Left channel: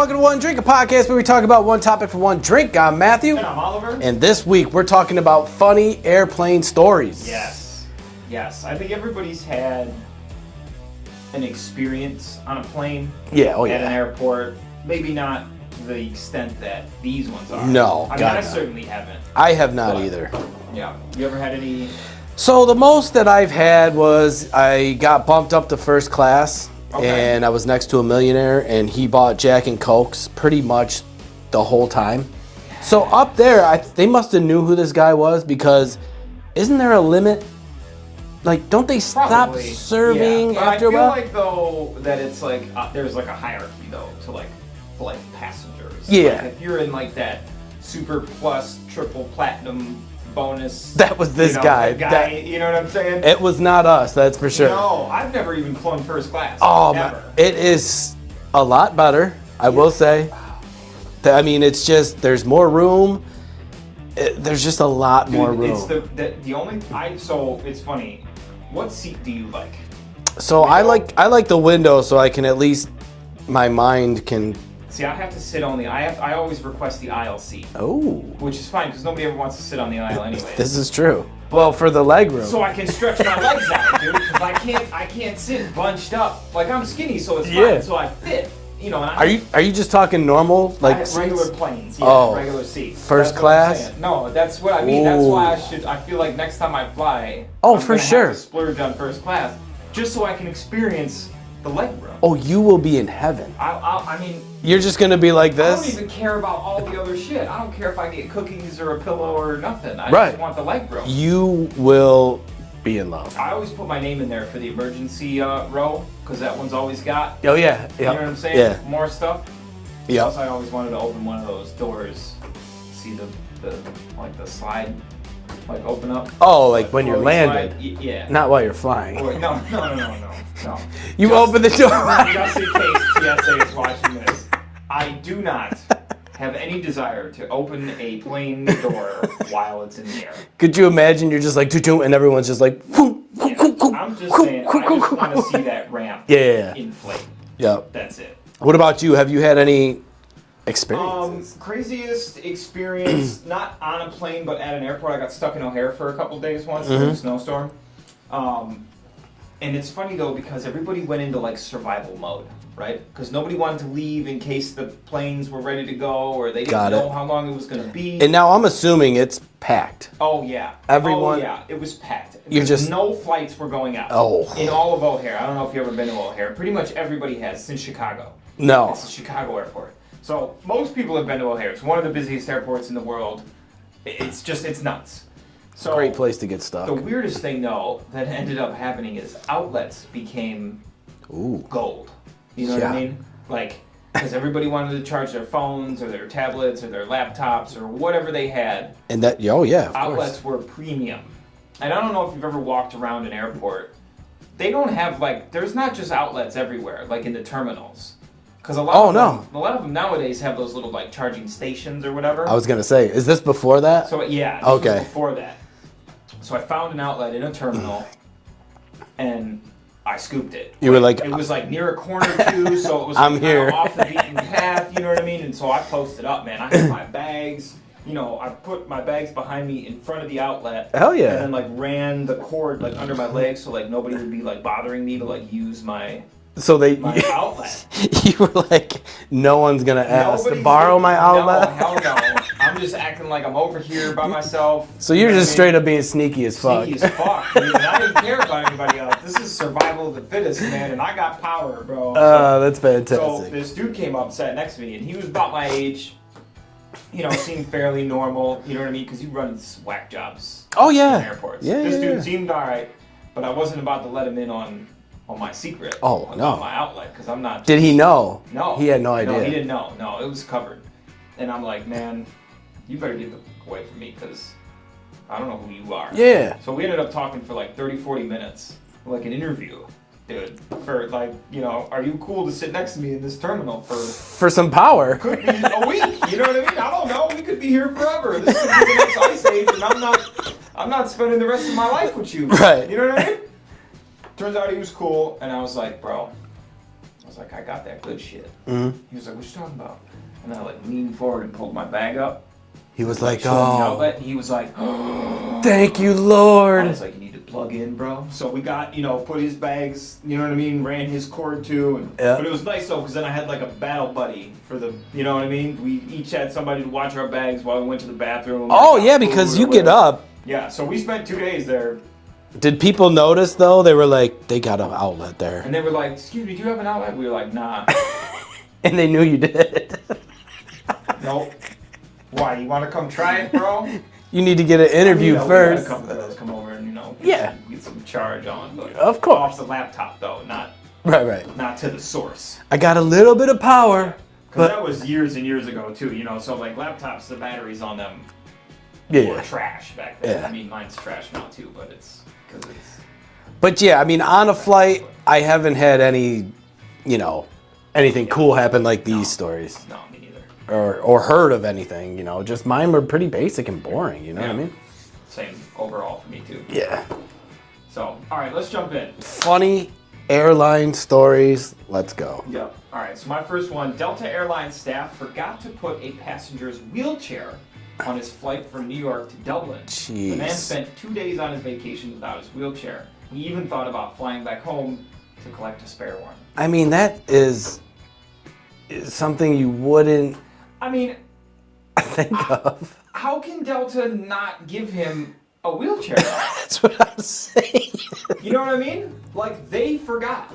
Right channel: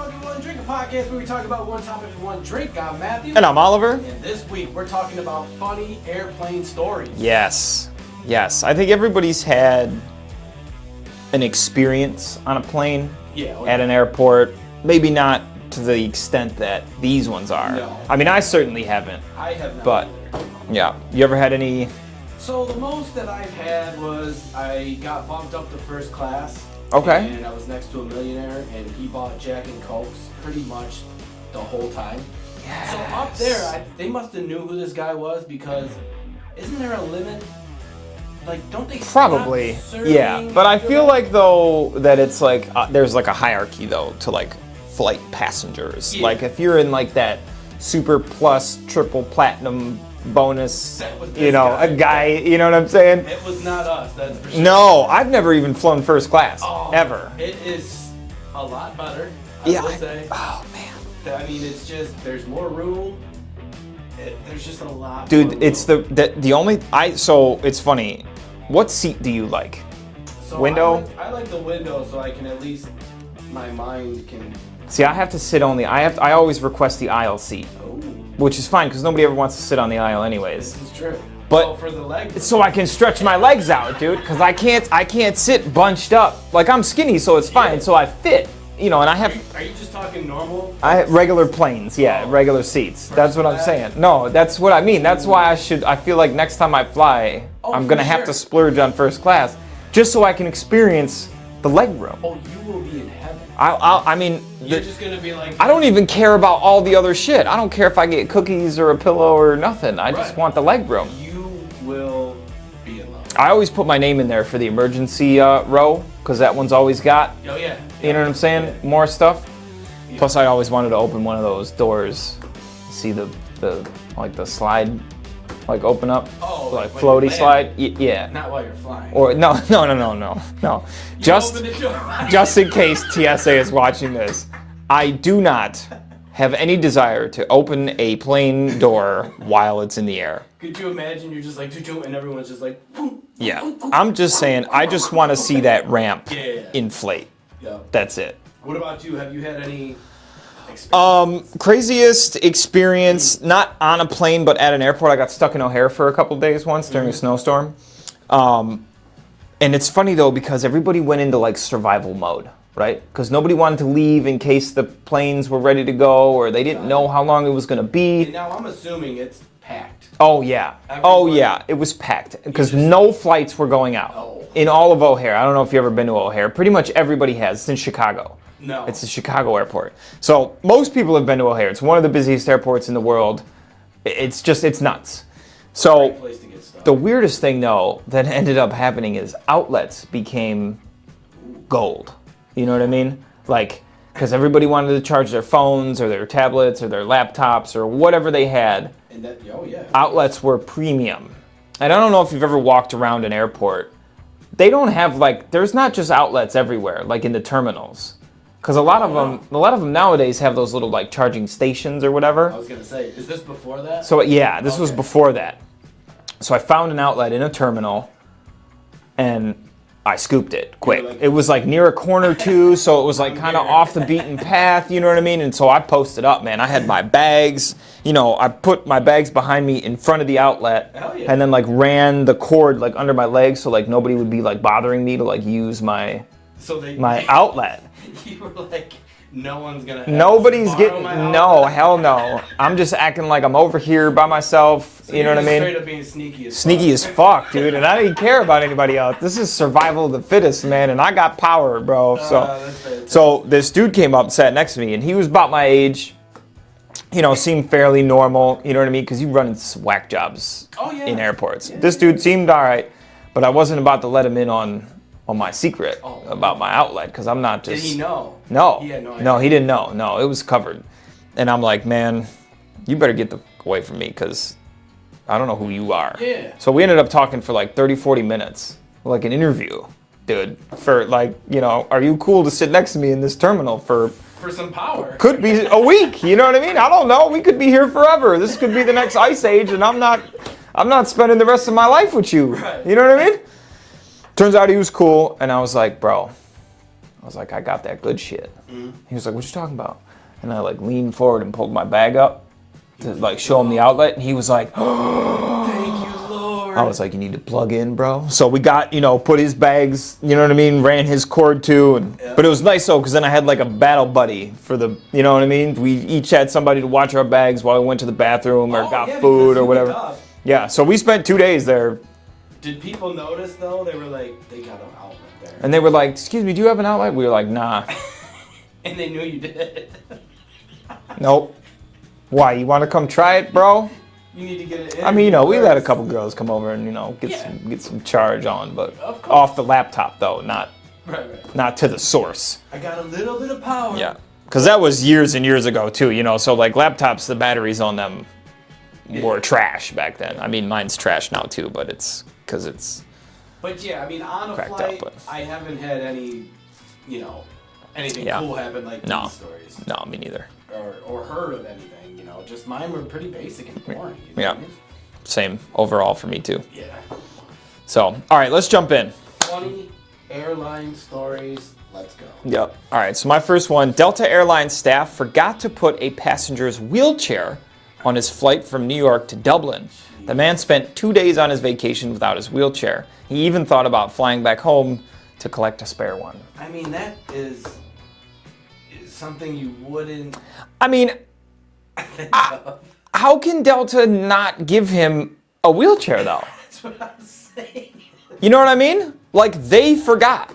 welcome to One Drink, a podcast where we talk about one topic for one drink. I'm Matthew. And I'm Oliver. And this week we're talking about funny airplane stories. Yes. I think everybody's had an experience on a plane. At an airport. Maybe not to the extent that these ones are. No. I mean, I certainly haven't. I have not either. Yeah. You ever had any? So the most that I've had was I got bumped up to first class. Okay. And I was next to a millionaire, and he bought Jack and Cokes pretty much the whole time. Yes. So up there, they must have knew who this guy was, because isn't there a limit? Like, don't they stop serving? Yeah, but I feel like, though, that it's like, there's like a hierarchy, though, to like flight passengers. Yeah. Like, if you're in like that super plus triple platinum bonus, that was this guy, you know what I'm saying? It was not us, that's for sure. No, I've never even flown first class, ever. It is a lot better, I will say. Oh, man. I mean, it's just, there's more room. There's just a lot more room. Dude, it's the only, so it's funny. What seat do you like? So window? I like the window, so I can at least, my mind can. See, I have to sit on I always request the aisle seat. Oh. Which is fine, because nobody ever wants to sit on the aisle anyways. This is true. Well, for the leg room. So I can stretch my legs out, dude, because I can't sit bunched up. Like, I'm skinny, so it's fine, so I fit. You know, and Are you just talking normal? Like regular planes, regular seats. First class? What I'm saying. No, that's what I mean. Ooh. That's why I feel like next time I fly, I'm going to have to splurge on first class, just so I can experience the leg room. Oh, you will be in heaven. I mean, you're just gonna be like this. I don't even care about all the other shit. I don't care if I get cookies or a pillow or nothing. I just want the leg room. You will be in love. I always put my name in there for the emergency row, because that one's always got. Oh yeah. You know what I'm saying? Yeah. More stuff. Yeah. Plus, I always wanted to open one of those doors, see the slide. Like open up. Oh, like when you're landing. Slide. Yeah. Not while you're flying. Or no. You open the door. Just in case TSA is watching this, I do not have any desire to open a plane door while it's in the air. Could you imagine you're just like doo-doo, and everyone's just like. Yeah. I'm just saying. I just want to see that ramp. Inflate. Yeah. That's it. What about you? Have you had any experiences? Craziest experience, not on a plane, but at an airport. I got stuck in O'Hare for a couple days once during a snowstorm. And it's funny though, because everybody went into like survival mode, right? Because nobody wanted to leave in case the planes were ready to go, or they didn't know how long it was going to be. And now I'm assuming it's packed. Oh yeah. It was packed. Because no flights were going out. Oh. In all of O'Hare. I don't know if you've ever been to O'Hare. Pretty much everybody has. It's in Chicago. No. It's the Chicago airport. So most people have been to O'Hare. It's one of the busiest airports in the world. It's nuts. So great place to get stuck. The weirdest thing though that ended up happening is outlets became gold. You know what I mean? Like, because everybody wanted to charge their phones or their tablets or their laptops or whatever they had. And that, outlets were premium. And I don't know if you've ever walked around an airport. They don't have there's not just outlets everywhere, like in the terminals. Because a lot of them nowadays have those little charging stations or whatever. I was gonna say, is this before that? So this was before that. So I found an outlet in a terminal, and I scooped it. You were like, it was near a corner too, so it was kind of off the beaten path. You know what I mean? And so I posted up, man. I had my bags. You know, I put my bags behind me in front of the outlet. Hell yeah. And then ran the cord under my legs, so nobody would be bothering me to use my. My outlet. You were like, no one's gonna borrow my outlet? No, hell no. I'm just acting like I'm over here by myself. So you're just straight up being sneaky as fuck. Sneaky as fuck, dude. And I didn't care about anybody else. This is survival of the fittest, man. And I got power, bro. That's fantastic. So this dude came up and sat next to me, and he was about my age. You know, seemed fairly normal. You know what I mean? Because you run into whack jobs. In airports. Yeah, this dude seemed all right, but I wasn't about to let him in on my secret about my outlet, because I'm not just... Did he know? No. He had no idea. No, he didn't know. No, it was covered. And I'm like, man, you better get the away from me, because I don't know who you are. Yeah. So we ended up talking for 30, 40 minutes, like an interview, dude, for are you cool to sit next to me in this terminal for some power? Could be a week, you know what I mean? I don't know. We could be here forever. This could be the next ice age, and I'm not spending the rest of my life with you. Right. You know what I mean? Turns out he was cool, and I was like, bro, I was like, I got that good shit. He was like, what you talking about? And I like leaned forward and pulled my bag up. He was like showing the outlet, and he was like, thank you, Lord. I was like, you need to plug in, bro. So we got, put his bags, you know what I mean, ran his cord too. And, But it was nice though, because then I had like a battle buddy for the, you know what I mean? We each had somebody to watch our bags while we went to the bathroom. Oh yeah, because you get up. Yeah, so we spent 2 days there. Did people notice though? They were like, they got an outlet there. And they were like, excuse me, do you have an outlet? We were like, nah. And they knew you did. Nope. Why, you want to come try it, bro? You need to get an interview we first. had a couple girls come over and, get some charge on, but of course. Off the laptop though, not right. to the source. I got a little bit of power. Yeah. Because that was years and years ago too, so like laptops, the batteries on them were trash back then. Yeah. I mean, mine's trash now too, but it's because it's. But yeah, I mean, on a flight, up, I haven't had any, anything cool happen like these stories. No, me neither. Or heard of anything, just mine were pretty basic and boring, you know what I mean? Same overall for me too. Yeah. So, all right, let's jump in. Funny airline stories, let's go. Yep. All right, so my first one, Delta Airlines staff forgot to put a passenger's wheelchair on his flight from New York to Dublin. Jeez. The man spent 2 days on his vacation without his wheelchair. He even thought about flying back home to collect a spare one. I mean, that is something you wouldn't I mean, think of. How can Delta not give him a wheelchair though? That's what I'm saying. You know what I mean? Like they forgot.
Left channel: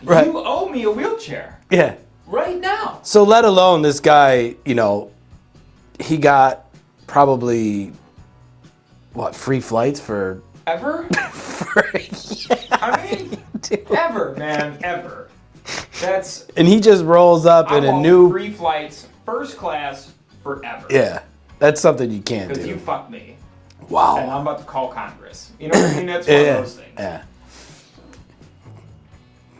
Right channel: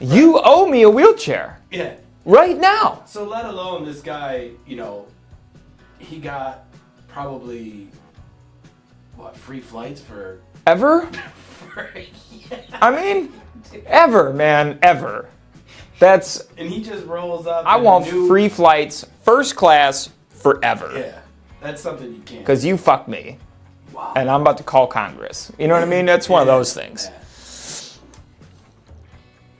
Right. You owe me a wheelchair. Yeah. Right now. So let alone this guy, he got probably, free flights for... Ever? Yeah. I mean, ever, man, ever. That's... And he just rolls up I in want a new... free flights, first class, forever. Yeah. That's something you can't Because do. you fucked me. Wow. And I'm about to call Congress. You know what I mean? That's one of those things. Yeah.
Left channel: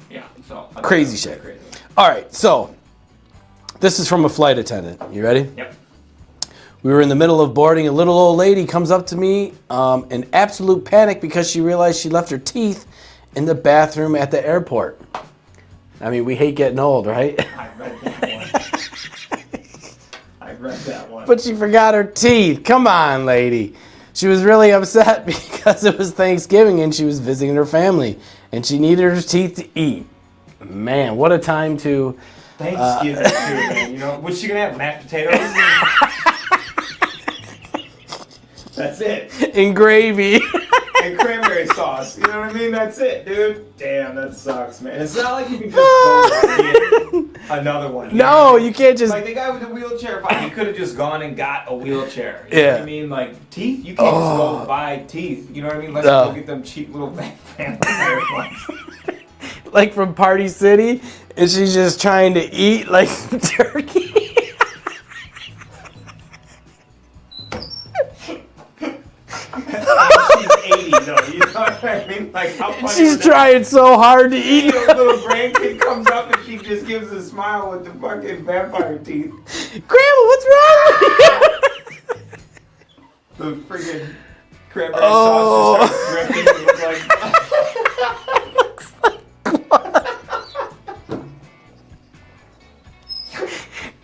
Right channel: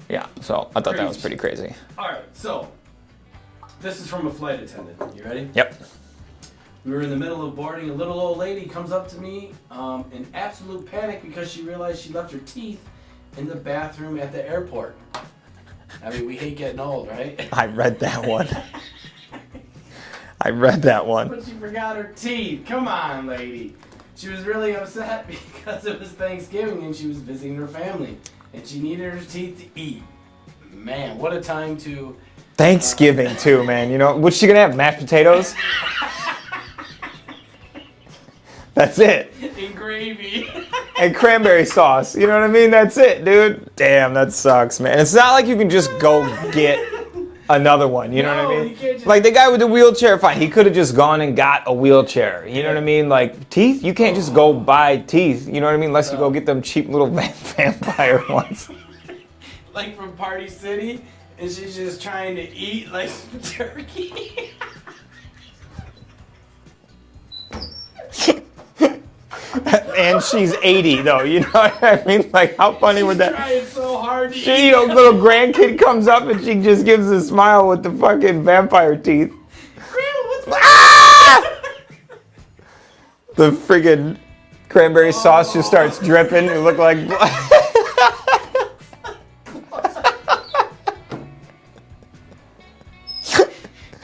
Yeah, so I thought Crazy that was pretty shit. crazy. All right, so this is from a flight attendant. You ready? Yep. We were in the middle of boarding. A little old lady comes up to me in absolute panic because she realized she left her teeth in the bathroom at the airport. I mean, we hate getting old, right? I read that one. I read that one. But she forgot her teeth. Come on, lady. She was really upset because it was Thanksgiving and she was visiting her family and she needed her teeth to eat. Man, what a time to... Thanksgiving too, man. What's she gonna have? Mashed potatoes? That's it. And gravy. And cranberry sauce. You know what I mean? That's it, dude. Damn, that sucks, man. It's not like you can just go get another one. You know what I mean? You can't just... Like the guy with the wheelchair fight, he could have just gone and got a wheelchair. You know what I mean? Like teeth, you can't just go buy teeth. You know what I mean? Let's go get them cheap little vampire ones. Like from Party City, and she's just trying to eat like turkey. And she's 80 though, you know what I mean? Like how funny would that be? She's trying so hard to eat. A little grandkid comes up and she just gives a smile with the fucking vampire teeth. Grandma, what's wrong? The friggin' cranberry sauce just starts dripping and look like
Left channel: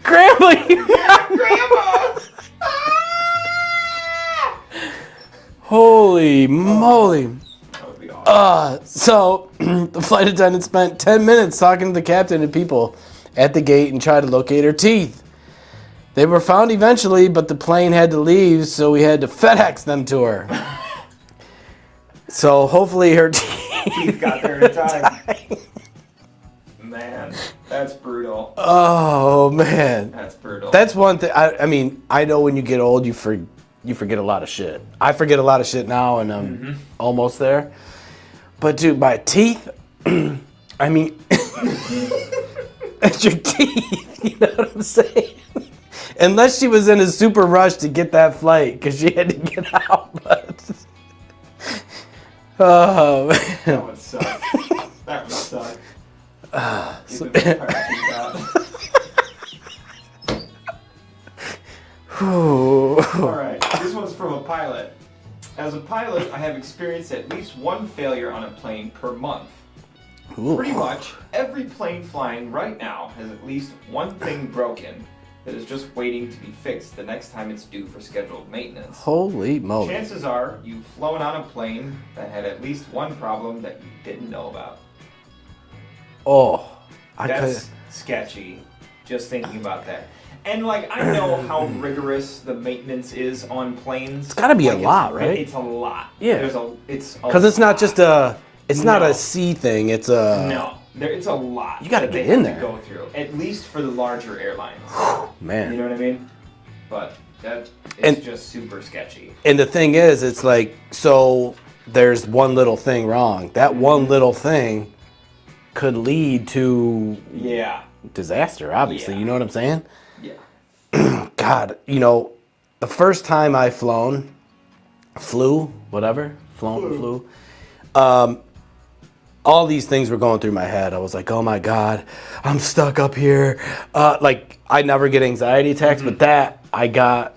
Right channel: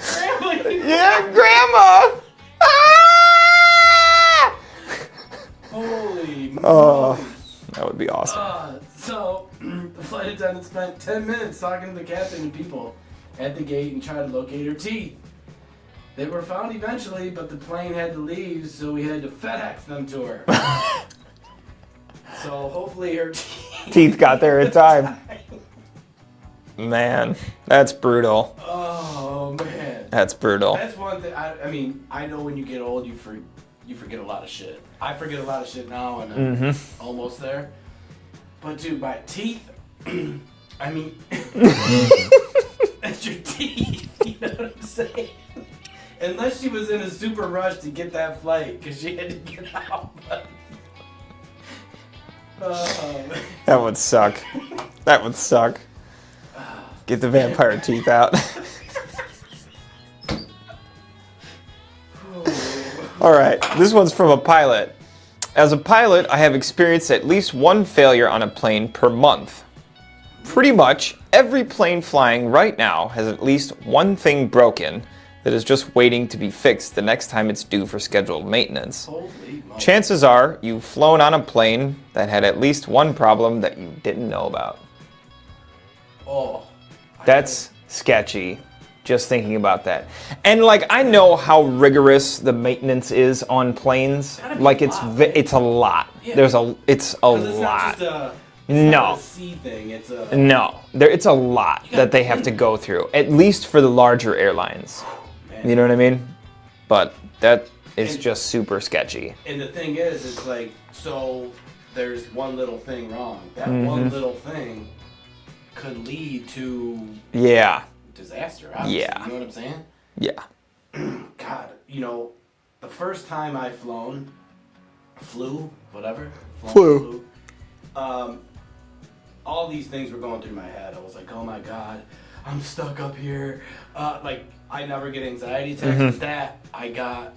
Grandma, yeah, grandma! Holy moly. That would be awesome. So the flight attendant spent 10 minutes talking to the captain and people at the gate and tried to locate her teeth. They were found eventually, but the plane had to leave, so we had to FedEx them to her. So hopefully her Teeth got there in time. Man, that's brutal. Oh, man. That's brutal. That's one thing. I mean, I know when you get old, you forget a lot of shit. I forget a lot of shit now, and I'm almost there. But dude, my teeth, I mean, it's your teeth. You know what I'm saying? Unless she was in a super rush to get that flight because she had to get out. But oh, man. That would suck. That would suck. Get the vampire teeth out. All right, this one's from a pilot. As a pilot, I have experienced at least one failure on a plane per month. Pretty much every plane flying right now has at least one thing broken that is just waiting to be fixed the next time it's due for scheduled maintenance. Holy moly. Chances are you've flown on a plane that had at least one problem that you didn't know about. Oh. That's sketchy, just thinking about that. And like, I know how rigorous the maintenance is on planes. It's gotta be like, a lot, right? It's a lot. Yeah. It's a Because it's not just it's not No. a sea thing, it's a... No, it's a lot gotta that they be have in to there. go through, at least for the larger airlines. Man. You know what I mean? But that is just super sketchy. And the thing is, it's like, so there's one little thing wrong. That one little thing could lead to Yeah. disaster, obviously. Yeah. You know what I'm saying? Yeah. God, you know, the first time I flew, all these things were going through my head. I was like, oh my God, I'm stuck up here. Like, I never get anxiety attacks, but that I got.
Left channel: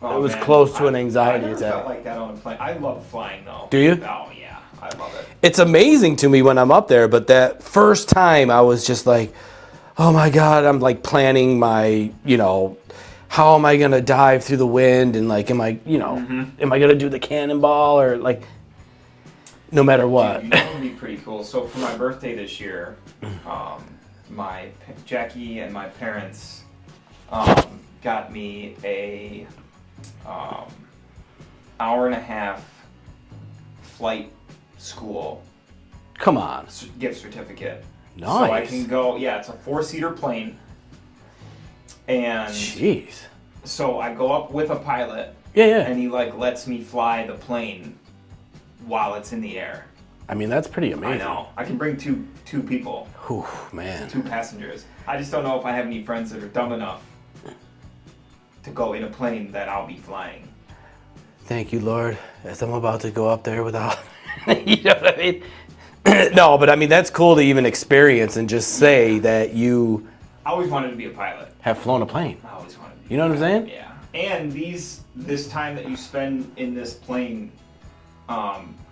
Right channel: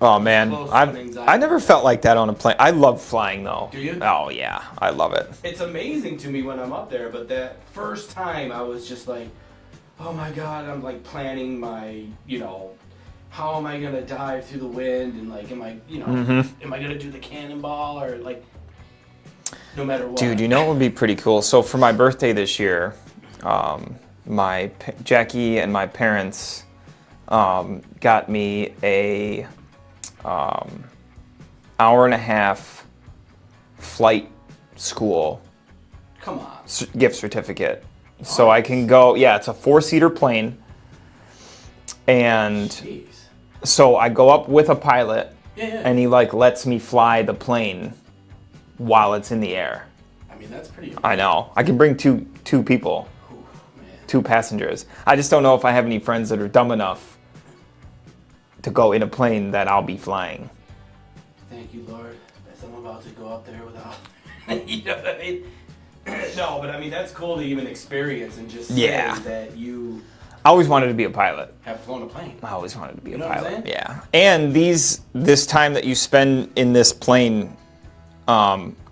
Oh, It was man. close to an anxiety I never attack. felt like that on a plane. I love flying, though. Do you? Oh, yeah. I love it. It's amazing to me when I'm up there, but that first time I was just like, oh my God, I'm like planning my, you know, how am I gonna dive through the wind, and like, am I gonna do the cannonball, or like, no matter what. Dude, you know what would be pretty cool? So for my birthday this year, Jackie and my parents got me a hour and a half flight school Come on. gift certificate. So I Nice. can go, yeah, it's a 4-seater plane. And Jeez. so I go up with a pilot, Yeah. and he like lets me fly the plane while it's in the air. I mean, that's pretty amazing. I know. I can bring two people, Whew, man. 2 passengers. I just don't know if I have any friends that are dumb enough to go in a plane that I'll be flying. Thank you, Lord, as I'm about to go up there without. You know what I mean? No, but I mean, that's cool to even experience and just say Yeah. that you I always wanted to be a pilot. have flown a plane. I always wanted to be You know a what I'm pilot. saying? Yeah. And this time that you spend in this plane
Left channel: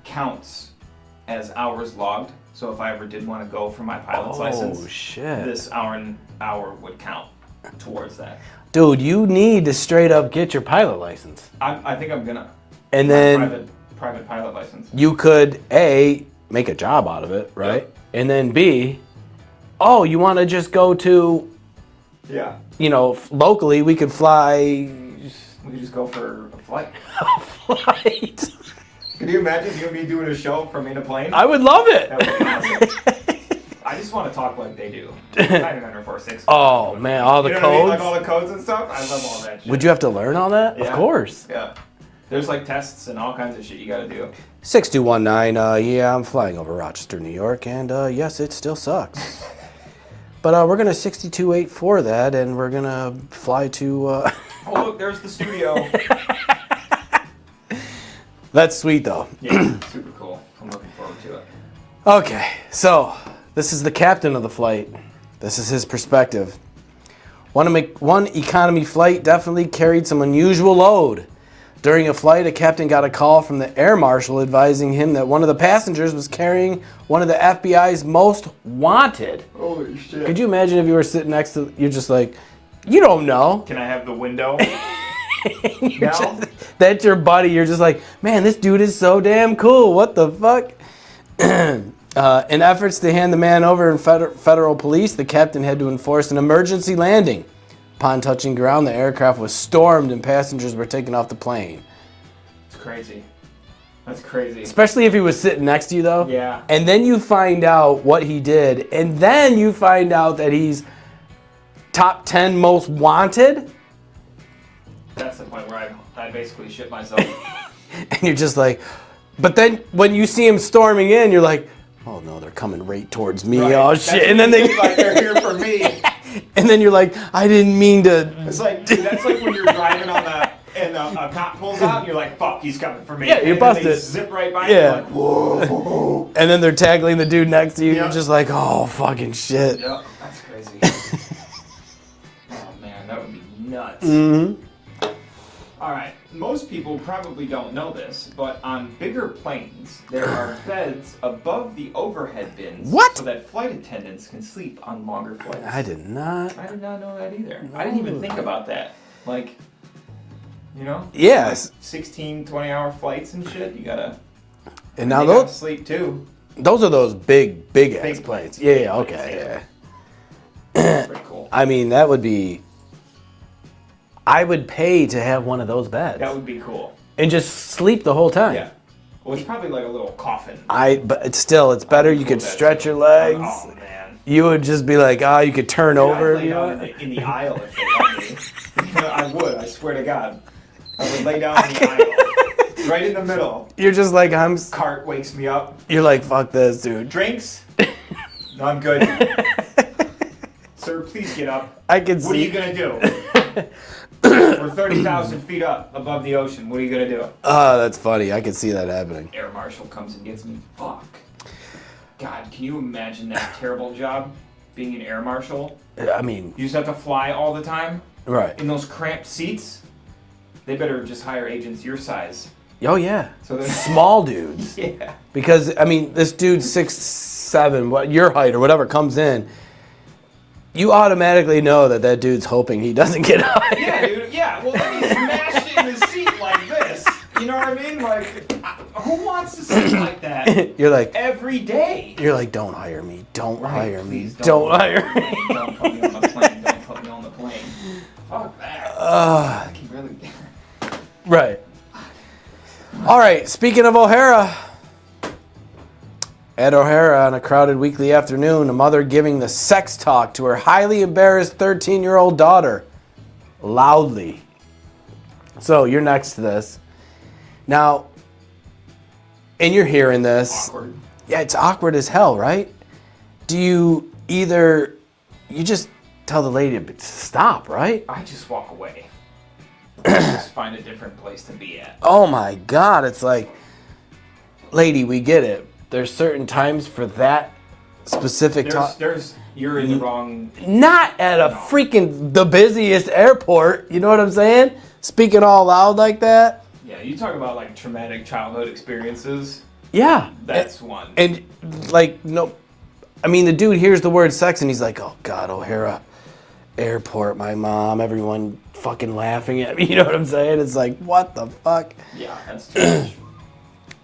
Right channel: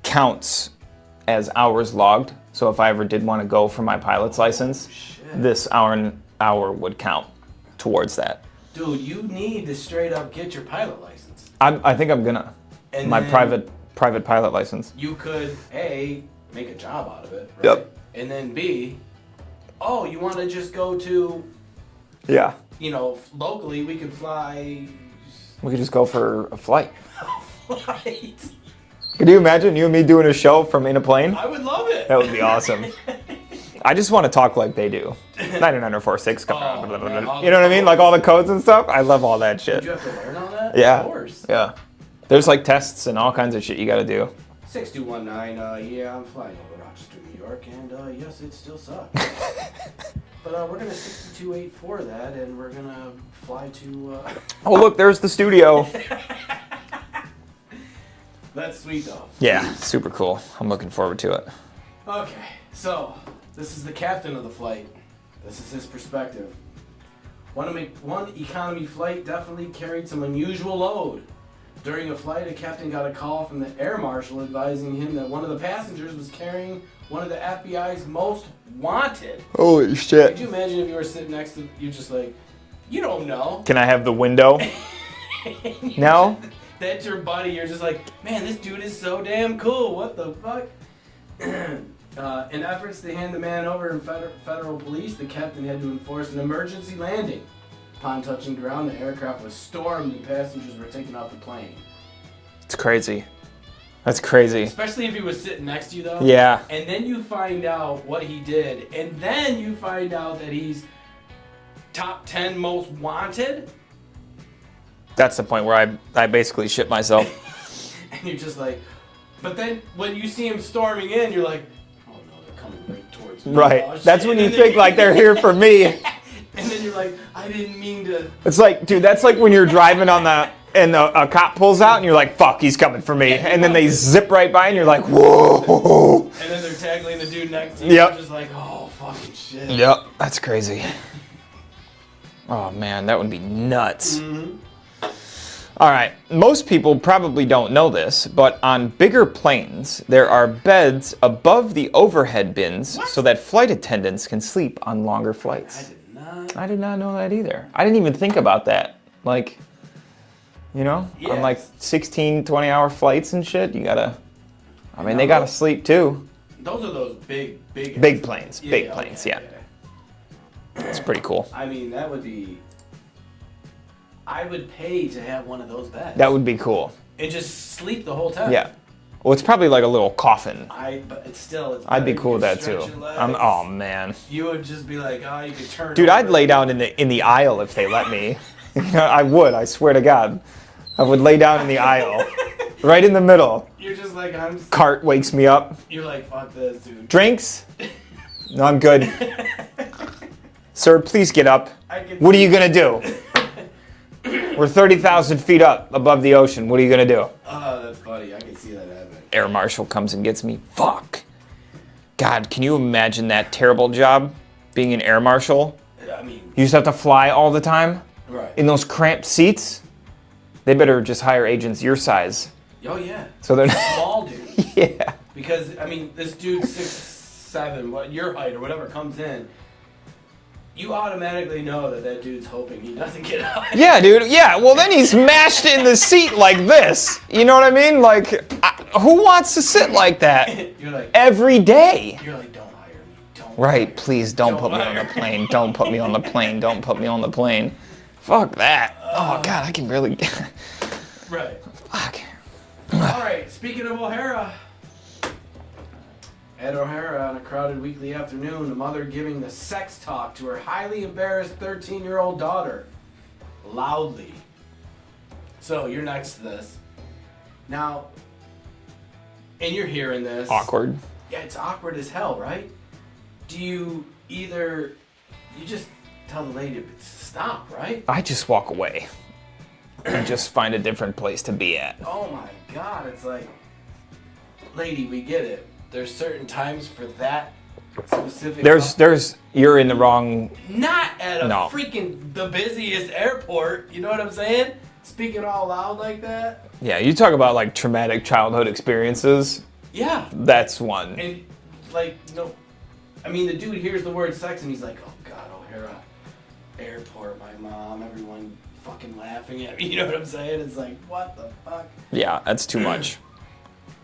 counts as hours logged. So if I ever did want to go for my pilot's license, shit. this hour would count towards that. Dude, you need to straight up get your pilot license. I think I'm gonna. And my then private pilot license. you could, A, make a job out of it, right? Yep. And then B, oh, you want to just go to, Yeah. you know, locally, we could fly. We could just go for a flight. Flight. Could you imagine you and me doing a show from in a plane? I would love it. That would be awesome. I just want to talk like they do. 99446. Oh, man, all the you know what I mean? codes? Like all the codes and stuff. I love all that shit. Would you have to learn all that? Yeah. Of course. Yeah. There's like tests and all kinds of shit you got to do. 6219, yeah, I'm flying over Rochester, New York, and yes, it still sucks. But we're gonna 6284 that, and we're gonna fly to. Oh, look, there's the studio. That's sweet though. Yeah, super cool. I'm looking forward to it. Okay, so this is the captain of the flight. This is his perspective. One economy flight definitely carried some unusual load. During a flight, a captain got a call from the air marshal advising him that one of the passengers was carrying one of the FBI's most wanted. Holy shit. Could you imagine if you were sitting next to, you're just like, you don't know. Can I have the window? No? That's your buddy. You're just like, man, this dude is so damn cool. What the fuck? In efforts to hand the man over in federal police, the captain had to enforce an emergency landing. Upon touching ground, the aircraft was stormed and passengers were taken off the plane. It's crazy. That's crazy. Especially if he was sitting next to you, though. Yeah. And then you find out what he did, and then you find out that he's top 10 most wanted, That's the point where I basically shit myself. and you're just like, but then when you see him storming in, you're like, oh no, they're coming right towards me. Right. Oh shit. That's And when then you think like they're here for me. and then you're like, I didn't mean to. It's like, dude, that's like when you're driving on and a cop pulls out and you're like, fuck, he's coming for me. Yeah, you're and then they busted. zip right by and Yeah. you're like, whoa. And then they're tackling the dude next to you. Yep. You're just like, oh fucking shit. Yep. That's crazy. Oh man, that would be nuts. All right, most people probably don't know this, but on bigger planes, there are beds above the overhead bins so that flight attendants can sleep on longer flights. I did not know that either. I didn't even think about that. Like, you know? Yeah. On like 16, 20-hour flights and shit, you gotta... And they now gotta sleep too. Those are those big planes. Yeah, Big yeah, planes, okay. yeah. It's pretty cool. I mean, that would be... I would pay to have one of those beds. That would be cool. And just sleep the whole time. Yeah. Well, it's probably like a little coffin. But it's still, it's better. You could stretch your legs. Oh, man. You would just be like, you could turn over. Dude, I'd lay down in the aisle if they let me. I would, I swear to God. I would lay down in the aisle. Right in the middle. You're just like, Cart wakes me up. You're like, fuck this, dude. Drinks? No, I'm good. Sir, please get up. What are you going to do? We're 30,000 feet up above the ocean. What are you going to do? That's funny. I can see that happening. Air Marshal comes and gets me. Fuck. God, can you imagine that terrible job? Being an Air Marshal? I mean... You just have to fly all the time? Right. In those cramped seats? They better just hire agents your size. Oh, yeah. So they're small dudes. Yeah. Because, I mean, this dude 6'7", your height or whatever, comes in. You automatically know that dude's hoping he doesn't get out. Yeah, dude. Yeah. Well, then he's mashed in the seat like this. You know what I mean? Like, who wants to sit like that? You're like every day. You're like, don't hire me. Don't hire me. Right. Please don't put me on the plane. Don't put me on the plane. Don't put me on the plane. Fuck that. Oh God, I can really. Right. Fuck. All right. Speaking of O'Hara. At O'Hara on a crowded weekly afternoon, a mother giving the sex talk to her highly embarrassed 13-year-old daughter. Loudly. So, you're next to this. Now, and you're hearing this. Awkward. Yeah, it's awkward as hell, right? Do you just tell the lady to stop, right? I just walk away. I just find a different place to be at. Oh my God, it's like, lady, we get it. There's certain times for that specific you're in the wrong... Not at a freaking the busiest airport, you know what I'm saying? Speaking all loud like that. Yeah, you talk about like traumatic childhood experiences. Yeah. That's one. And like, no, I mean, the dude hears the word sex and he's like, oh God, O'Hara Airport, my mom, everyone fucking laughing at me, you know what I'm saying? It's like, what the fuck? Yeah, that's too much.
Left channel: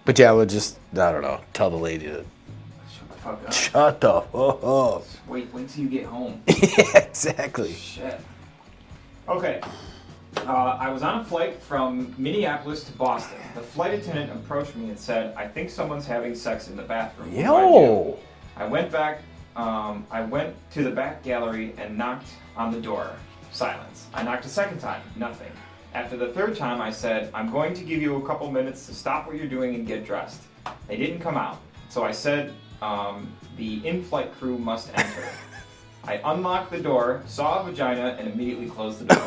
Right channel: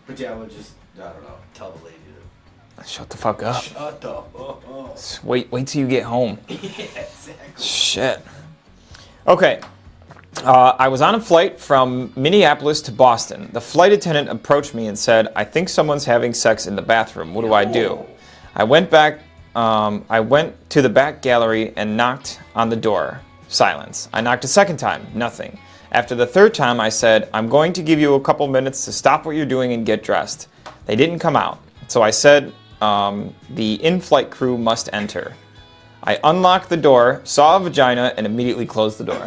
But yeah, I would just, I don't know, tell the lady to shut the fuck up. Shut the fuck up. Wait till you get home. Yeah, exactly. Shit. Okay. I was on a flight from Minneapolis to Boston. The flight attendant approached me and said, I think someone's having sex in the bathroom. What do I do? I went to the back gallery and knocked on the door. Silence. I knocked a second time. Nothing. After the third time, I said, I'm going to give you a couple minutes to stop what you're doing and get dressed. They didn't come out. So I said, the in-flight crew must enter. I unlocked the door, saw a vagina, and immediately closed the door.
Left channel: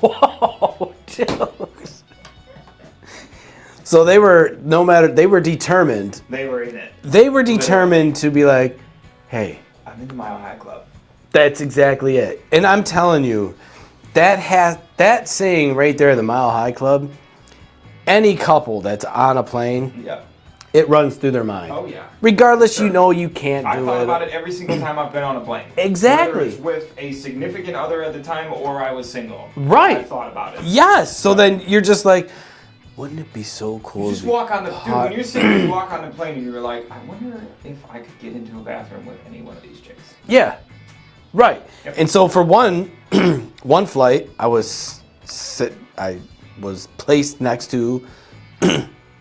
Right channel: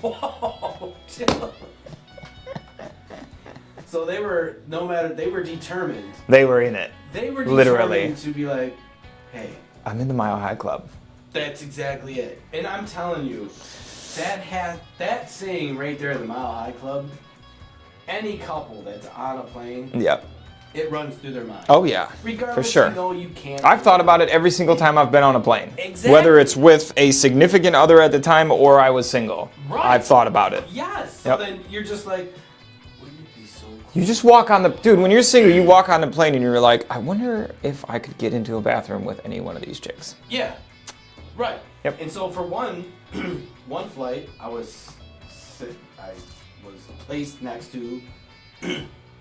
Whoa, dude. So they were determined. They were in it. They were determined to be like, hey, I'm in the Mile High Club. That's exactly it. And I'm telling you, that saying right there, the Mile High Club, any couple that's on a plane, it runs through their mind. Oh yeah. Regardless, you know you can't. I've thought about it every single time I've been on a plane. Exactly. Whether it's with a significant other at the time or I was single. Right. I've thought about it. Yes. So then you're just like, wouldn't it be so cool? You just walk on the dude. When you're single, you walk on the plane and you're like, I wonder if I could get into a bathroom with any one of these chicks. Yeah. Right. Yep. And so for one flight, I was placed next to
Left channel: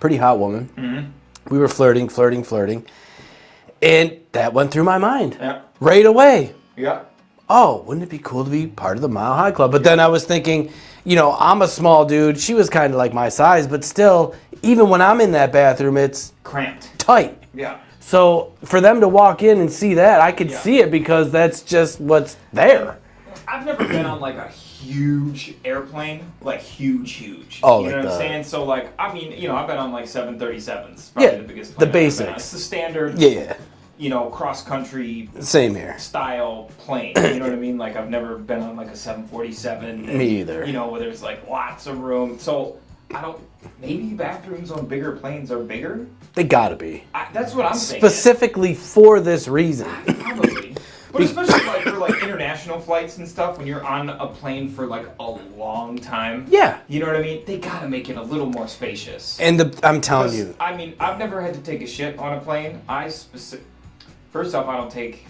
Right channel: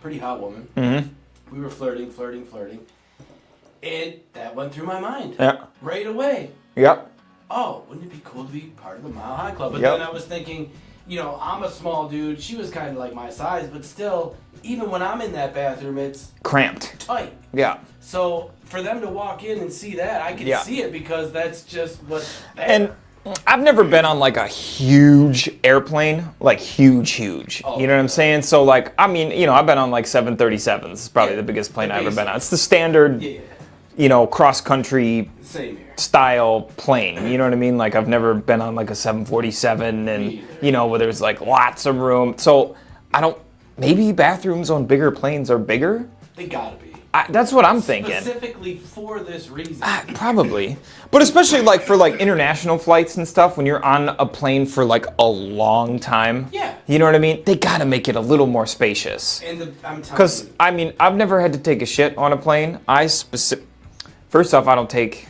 pretty hot woman. Mm-hmm. We were flirting. And that went through my mind. Yeah. Right away. Yeah. Oh, wouldn't it be cool to be part of the Mile High Club? But then I was thinking, you know, I'm a small dude. She was kind of like my size, but still, even when I'm in that bathroom, it's cramped. Tight. Yeah. So for them to walk in and see that, I could see it because that's just what's there. And I've never been on like a huge airplane, like huge. Oh, you know what I'm saying? So like, I mean, you know, I've been on like 737s. It's probably the biggest plane I've ever been on. It's the standard. Yeah. cross-country Same here. style plane. You know what I mean? Like, I've never been on, like, a 747. And, Me either. where there's, like, lots of room. So, maybe bathrooms on bigger planes are bigger? They gotta be. That's what I'm thinking. Specifically for this reason. Probably. But especially, like, for, like, international flights and stuff, when you're on a plane for, like, a long time. Yeah. You know what I mean? They gotta make it a little more spacious. And I'm telling you. Because, I've never had to take a shit on a plane. First off, I don't take...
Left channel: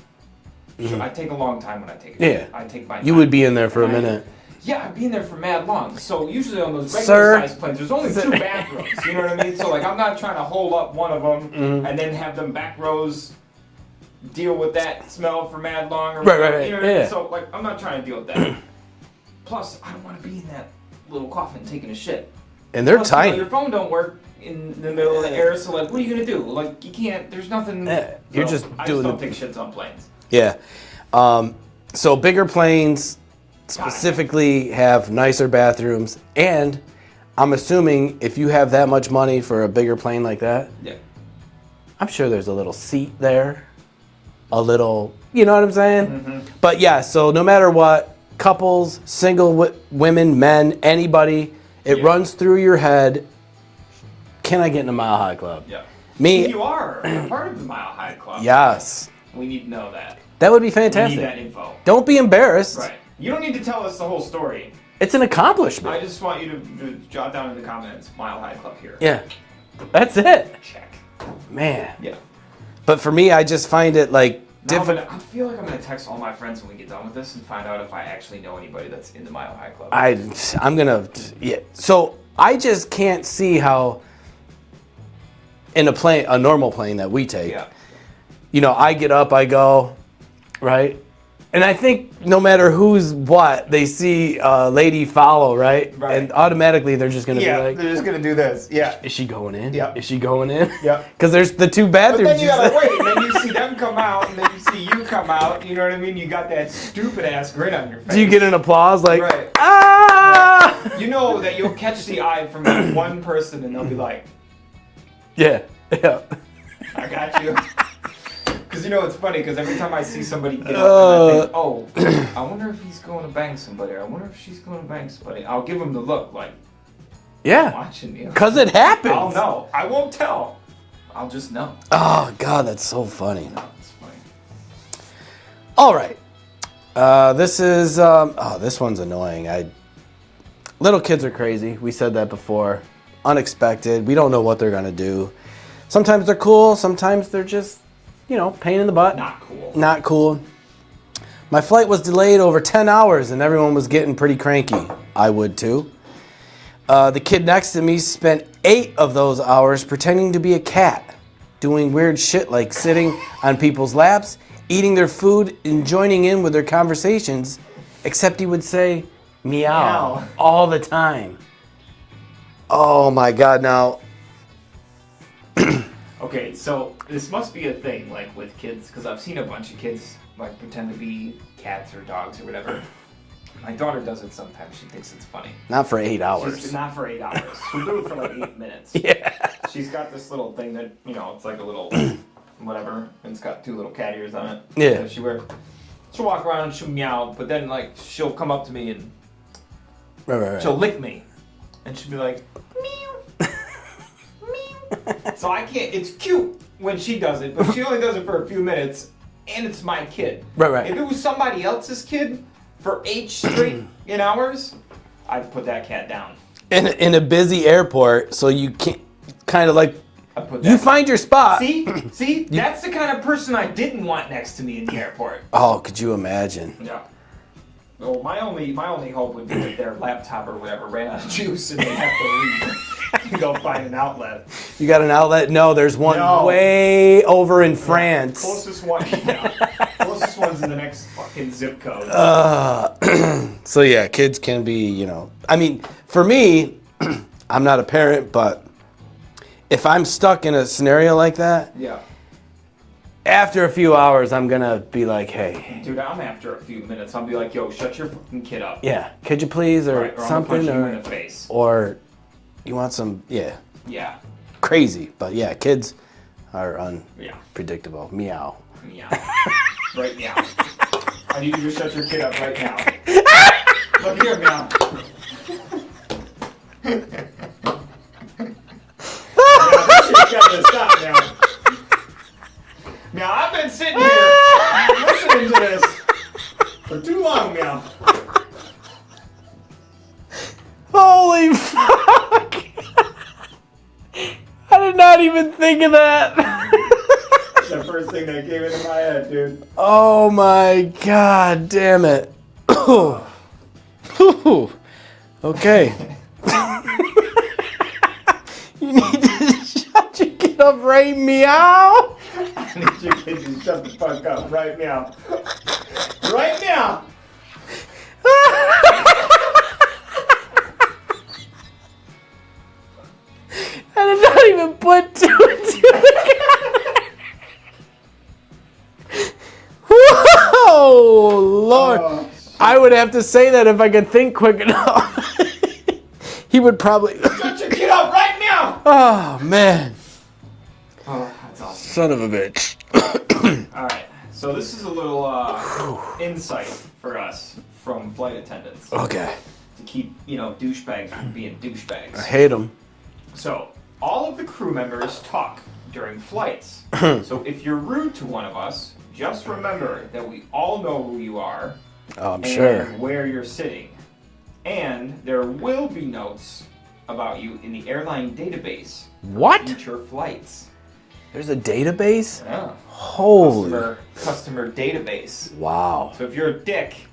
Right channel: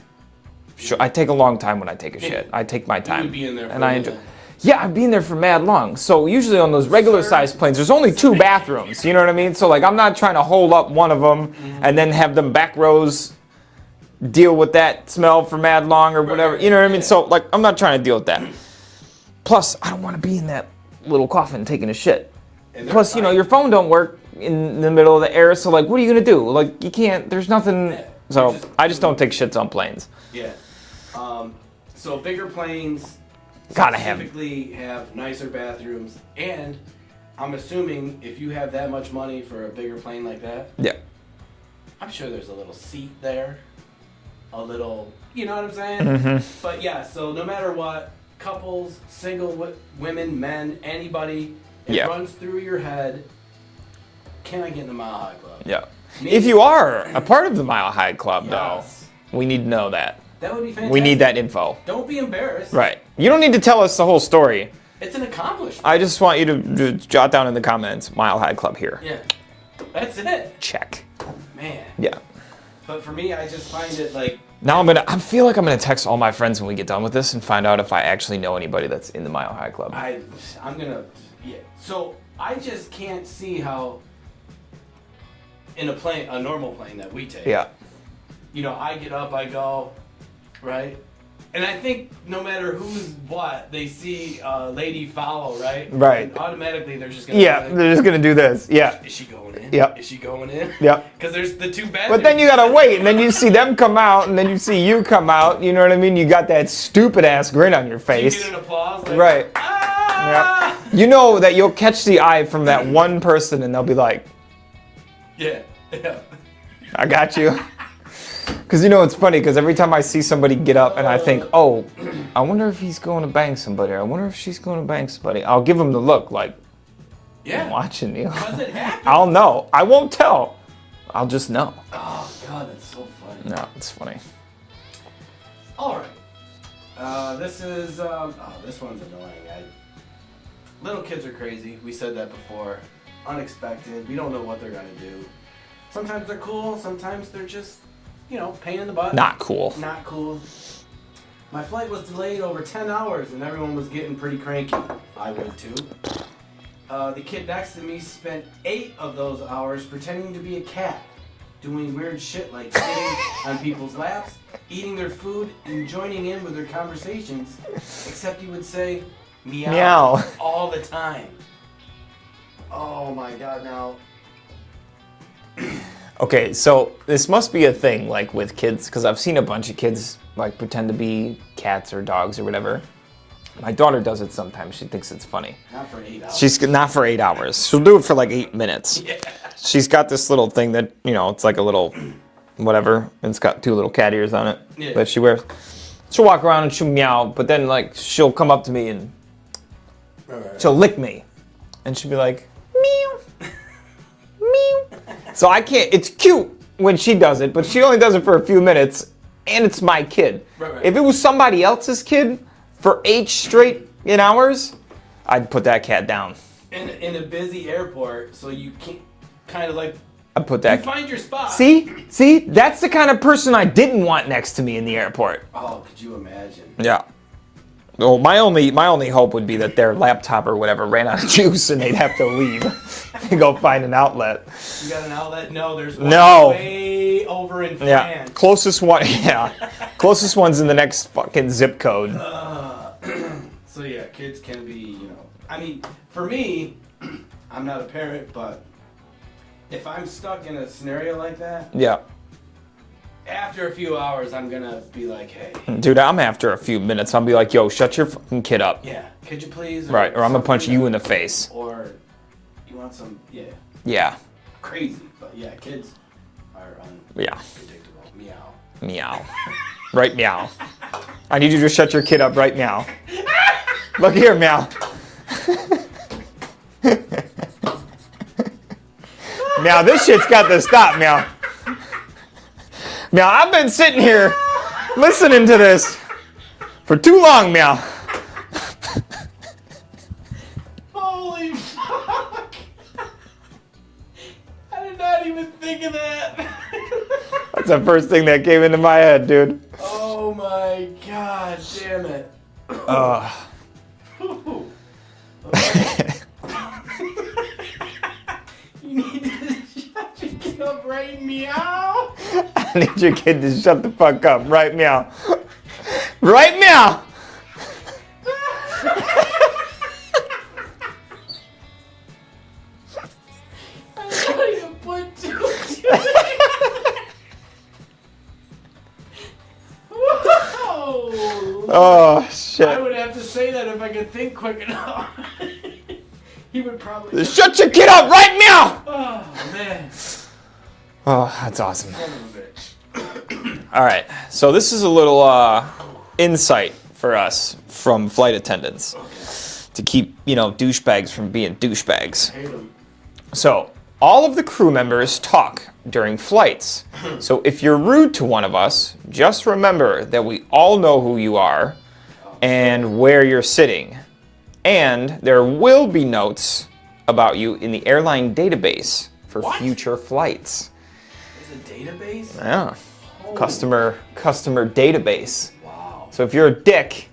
I take a long time when I take a shit. I take my time. You would be in there for a minute. Yeah, I'd be in there for mad long. So usually on those regular-sized planes, there's only 2 bathrooms. You know what I mean? So, like, I'm not trying to hold up one of them and then have them back rows deal with that smell for mad long or whatever. Right. You know what I mean? So, like, I'm not trying to deal with that. Plus, I don't want to be in that little coffin taking a shit. And they're tight. Your phone don't work in the middle of the air, so, like, what are you going to do? Like, you can't, there's nothing. So, I just don't take shits on planes. Yeah. So bigger planes specifically have nicer bathrooms, and I'm assuming if you have that much money for a bigger plane like that, I'm sure there's a little seat there, a little, you know what I'm saying? Mm-hmm. But yeah, so no matter what, couples, single women, men, anybody, it runs through your head, can I get in a Mile High Club? Yeah. If you are a part of the Mile High Club, yes, we need to know that. That would be fantastic. We need that info. Don't be embarrassed. Right. You don't need to tell us the whole story. It's an accomplishment. I just want you to jot down in the comments, Mile High Club here. Yeah. That's it. Check. Man. Yeah. But for me, I just find it like... Now I feel like I'm gonna text all my friends when we get done with this and find out if I actually know anybody that's in the Mile High Club. I'm gonna... Yeah. So I just can't see how in a normal plane that we take, I get up, I go, right? And I think no matter who's what, they see a lady follow, right? Right. And automatically they're just gonna be like, they're just gonna do this. Yeah. Is she going in? Yep. Is she going in? Yep. Because there's the 2 bathrooms. But then you gotta wait, and then you see them come out, and then you see you come out, you know what I mean? You got that stupid ass grin on your face. Do you get an applause like, right. Ah! Yep. You know that you'll catch the eye from that one person, and they'll be like, yeah. I got you. Because it's funny, because every time I see somebody get up and I think, oh, I wonder if he's going to bang somebody, or I wonder if she's going to bang somebody, I'll give them the look like, I'm watching you. Because it happens. I'll know. I won't tell. I'll just know. Oh, God, that's so funny. No, it's funny. All right. This is, this one's annoying. Little kids are crazy. We said that before. Unexpected. We don't know what they're going to do. Sometimes they're cool. Sometimes they're just, pain in the butt. Not cool. Not cool. My flight was delayed over 10 hours and everyone was getting pretty cranky. I would too. The kid next to me spent 8 of those hours pretending to be a cat, doing weird shit like sitting on people's laps, eating their food, and joining in with their conversations, except he would say meow all the time. Oh my God, now... Okay, so this must be a thing, like, with kids, because I've seen a bunch of kids, like, pretend to be cats or dogs or whatever. My daughter does it sometimes. She thinks it's funny. Not for 8 hours. She's not for 8 hours. She'll do it for, like, 8 minutes. Yeah. She's got this little thing that, it's like a little whatever, and it's got 2 little cat ears on it that she wears. She'll walk around and she'll meow, but then, like, she'll come up to me and she'll lick me. And she'll be like, meow. So I can't, it's cute when she does it, but she only does it for a few minutes, and it's my kid. Right. If it was somebody else's kid for 8 straight hours, I'd put that cat down. In a busy airport, so you can't, kind of like, I'd put that. You find your spot. See, that's the kind of person I didn't want next to me in the airport. Oh, could you imagine? Yeah. Well, my only hope would be that their laptop or whatever ran out of juice and they'd have to leave. And go find an outlet. You got an outlet? No, there's one way over in France. Closest one, Closest one's in the next fucking zip code. So yeah, kids can be, I mean, for me, I'm not a parent, but if I'm stuck in a scenario like that, after a few hours, I'm gonna be like, hey. Dude, I'm after a few minutes. I'll be like, yo, shut your fucking kid up. Yeah, could you please? Or I'm gonna punch you in the face. Or you want some, Yeah. crazy. But yeah, kids, are unpredictable. Meow. Meow. Right, meow. I need you to shut your kid up right now. Look here, meow. Meow, this shit's got to stop, meow. Meow, I've been sitting here listening to this for too long, meow. Holy fuck! I did not even think of that. That's the first thing that came into my head, dude. Oh my god, damn it. Okay. You need to shut your kid up, right, meow? I need your kid to shut the fuck up, right, meow. Right, meow. I did not even put two and two. Whoa, Lord. Oh, shit. I would have to say that if I could think quick enough. He would probably... Shut your kid up, right, meow. Oh, man. Oh, that's awesome. Son of a bitch. All right, so this is a little insight for us from flight attendants. Okay. To keep, douchebags from being douchebags. I hate them. So, all of the crew members talk during flights. So if you're rude to one of us, just remember that we all know who you are and where you're sitting. And there will be notes about you in the airline database for future flights. There's a database? Yeah. Holy. Customer database. Wow. So if you're a dick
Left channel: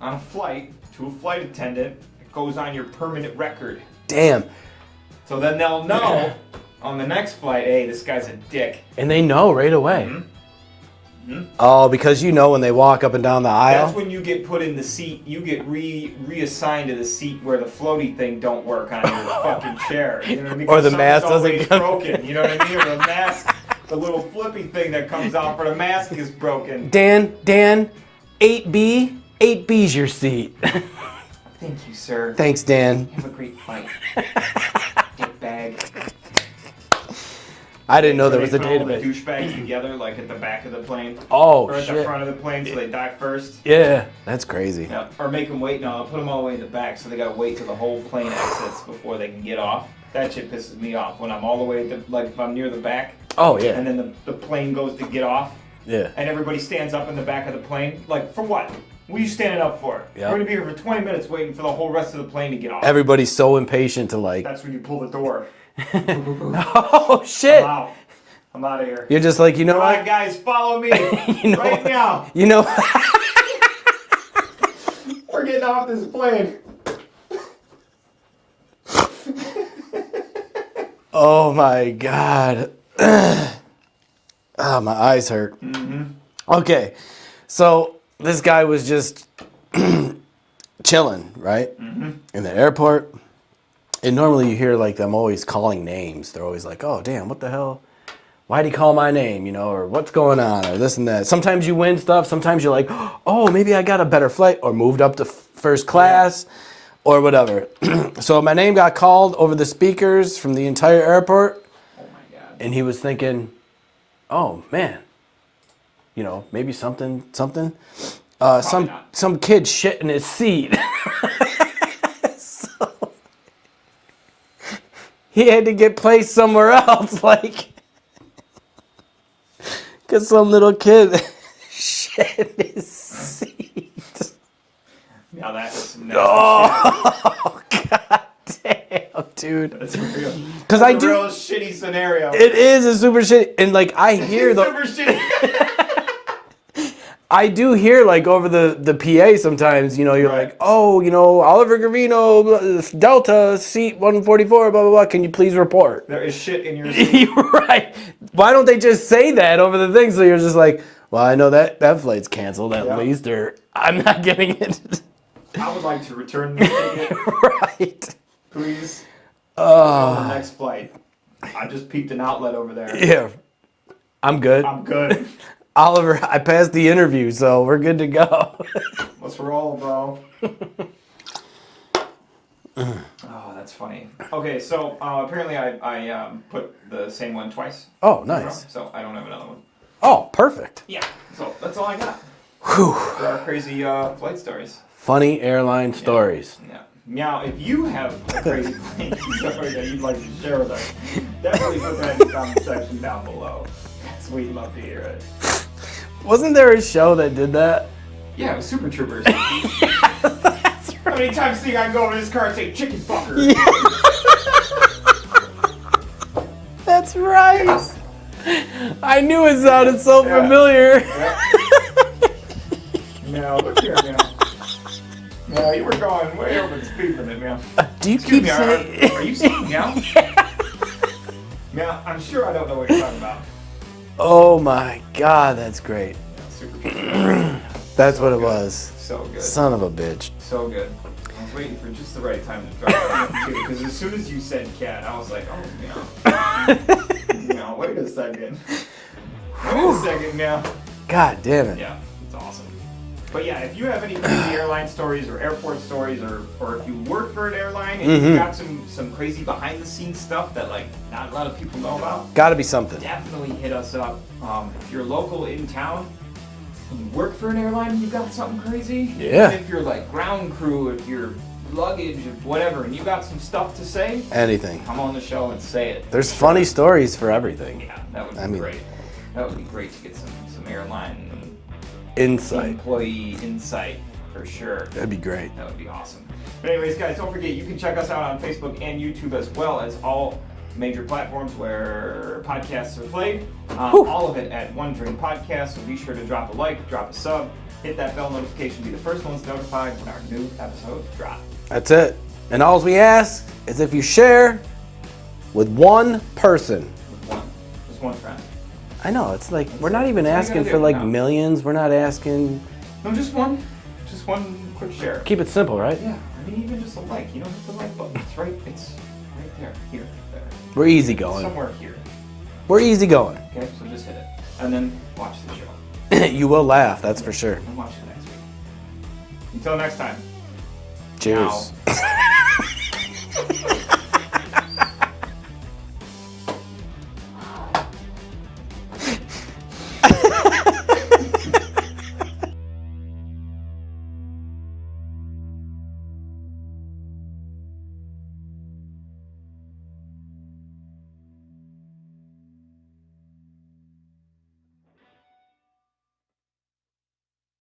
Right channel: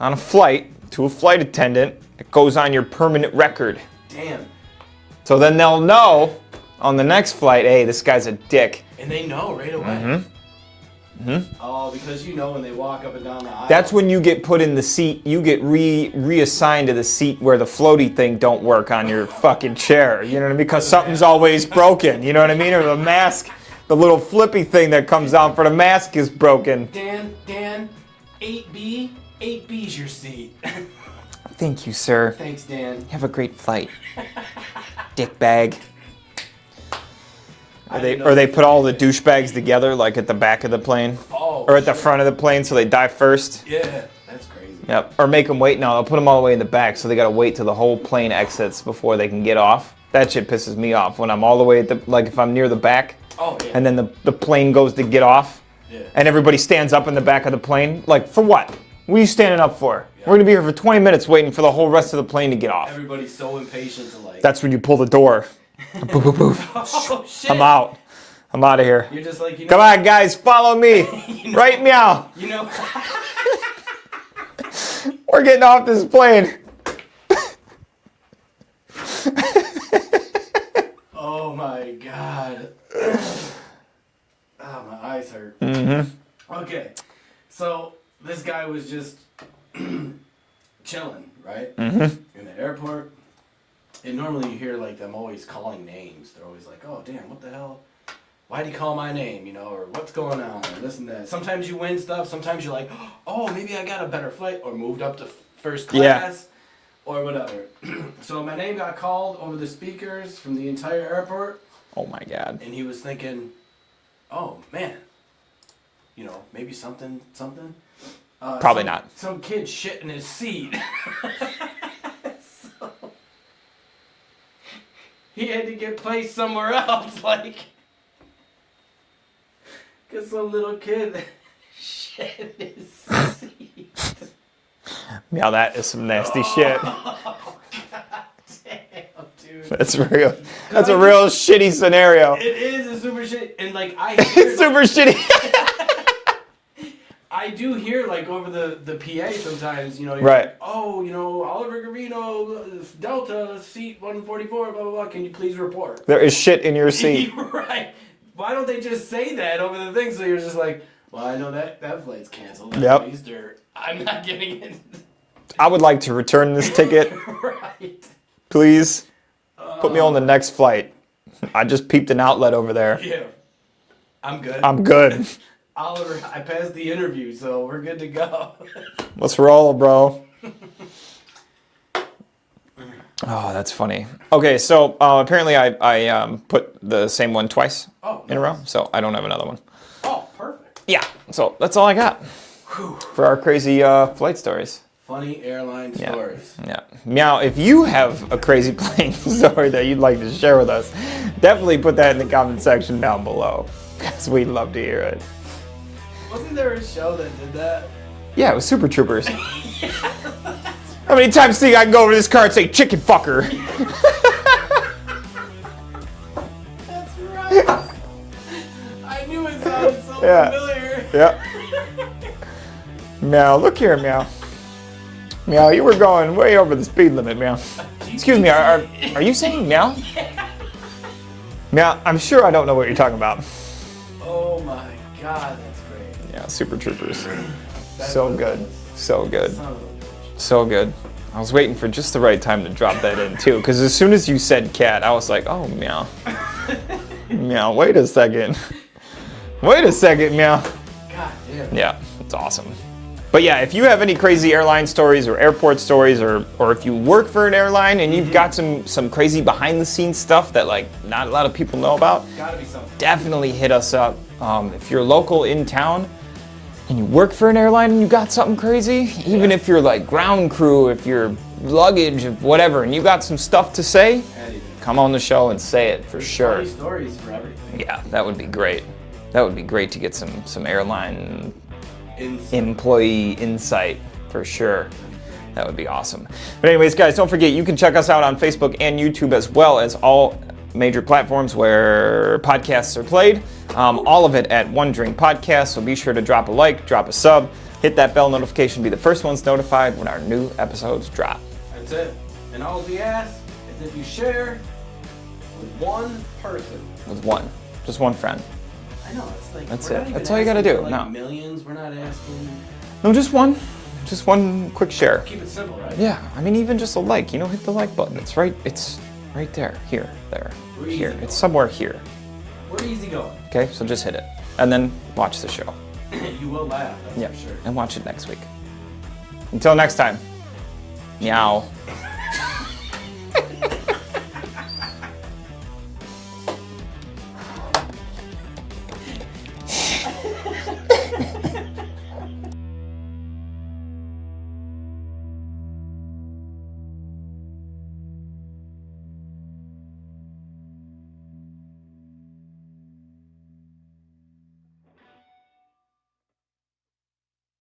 on a flight to a flight attendant, it goes on your permanent record. Damn. So then they'll know on the next flight, hey, this guy's a dick. And they know right away. Mm-hmm. Oh, because when they walk up and down the aisle? That's when you get put in the seat, you get reassigned to the seat where the floaty thing don't work on your fucking chair. You know what I mean? Because something's always broken. You know what I mean? Or the mask, the little flippy thing that comes out for the mask is broken. Dan, 8B, 8B's your seat. Thank you, sir. Thanks, Dan. Have a great flight. Dick bag. I didn't know. Or they put all the douchebags together, like at the back of the plane. Oh, or at the front of the plane, so they die first. Yeah, that's crazy. Yep. Or make them wait. No, I'll put them all the way in the back, so they gotta wait till the whole plane exits before they can get off. That shit pisses me off when I'm all the way at the, like if I'm near the back. Oh yeah. And then the plane goes to get off. Yeah. And everybody stands up in the back of the plane. Like for what? What are you standing up for? Yeah. We're gonna be here for 20 minutes waiting for the whole rest of the plane to get off. Everybody's so impatient to like. That's when you pull the door. Boof, boof, boof. Oh shit. I'm out. I'm out of here. You're just like, Come on, guys, follow me. Right now. We're getting off this plane. Oh my god. Oh, my eyes hurt. Mm-hmm. Okay, so this guy was just chilling, right? Mm-hmm. In the airport. And normally you hear like them always calling names. They're always like, oh, damn, what the hell? Why'd he call my name, or what's going on, or this and that. Sometimes you win stuff. Sometimes you're like, oh, maybe I got a better flight, or moved up to first class, or whatever. So my name got called over the speakers from the entire airport. Oh, my God. And he was thinking, oh, man, maybe something. Probably not. Some kid shit in his seat. So he had to get placed somewhere else, like... Because some little kid shit in his seat. Yeah, that is some nasty shit. Oh, god damn, dude. That's real. That's a real shitty scenario. It is a super shitty. And like, I hear super shitty. I do hear like over the PA sometimes, you're like, oh, Oliver Gravino, Delta, seat 144, blah, blah, blah. Can you please report? There is shit in your seat. Right. Why don't they just say that over the thing so you're just like, well, I know that flight's canceled at least, or I'm not getting it. I would like to return this ticket. Right. Please put me on the next flight. I just peeped an outlet over there. Yeah. I'm good. I'm good. Oliver, I passed the interview, so we're good to go. Let's roll, bro. Oh, that's funny. Okay, so apparently I put the same one twice Oh, in a row, nice. so I don't have another one. Oh, perfect. Yeah, so that's all I got for our crazy flight stories. Funny airline stories. Yeah. Meow, if you have a crazy plane story that you'd like to share with us, definitely put that in the comment section down below, because we'd love to hear it. Wasn't there a show that did that? Yeah, it was Super Troopers. How many times do you think I can go over this car and say chicken fucker? That's right. I knew it sounded so familiar. Yeah. Meow, look here, Meow. Meow, you were going way over the speed limit, Meow. Excuse me, are you saying Meow? Meow, I'm sure I don't know what you're talking about. Oh my God, that's great. Yeah, Super Troopers. That's So what it good. was. So good. Son of a bitch. So good. I was waiting for just the right time to drop that in too, because as soon as you said cat, I was like, oh, Meow. Meow, wait a second. Wait a second, Meow. God damn it. Yeah, it's awesome. But yeah, if you have any crazy airline stories or airport stories, or if you work for an airline and you've got some crazy behind the scenes stuff that like not a lot of people know about, Gotta be something. definitely hit us up. If you're local in town and you work for an airline and you got something crazy, even if you're like ground crew, if you're luggage, whatever, and you got some stuff to say, Anything. come on the show and say it. There's Sure. funny stories for everything. Yeah, that would be great. That would be great to get some airline Insight. employee insight for sure. That'd be great. That would be awesome. But anyways, guys, don't forget, you can check us out on Facebook and YouTube, as well as all major platforms where podcasts are played. All of it at One Drink Podcast. So be sure to drop a like, drop a sub, hit that bell notification, be the first ones notified when our new episodes drop. That's it. And all we ask is if you share with one person. With one, just one friend. I know, it's like, That's we're it. not even That's all you asking gotta for do. like No. millions. We're not asking. No, just one quick share. Keep it simple, right? Yeah, I mean, even just a like, hit the like button. It's right there, here, there. We're easy Here. going. Somewhere here. We're easy going. Okay, so just hit it. And then watch the show. You will laugh, that's for sure. And watch it next week. Until next time. Cheers. Meow.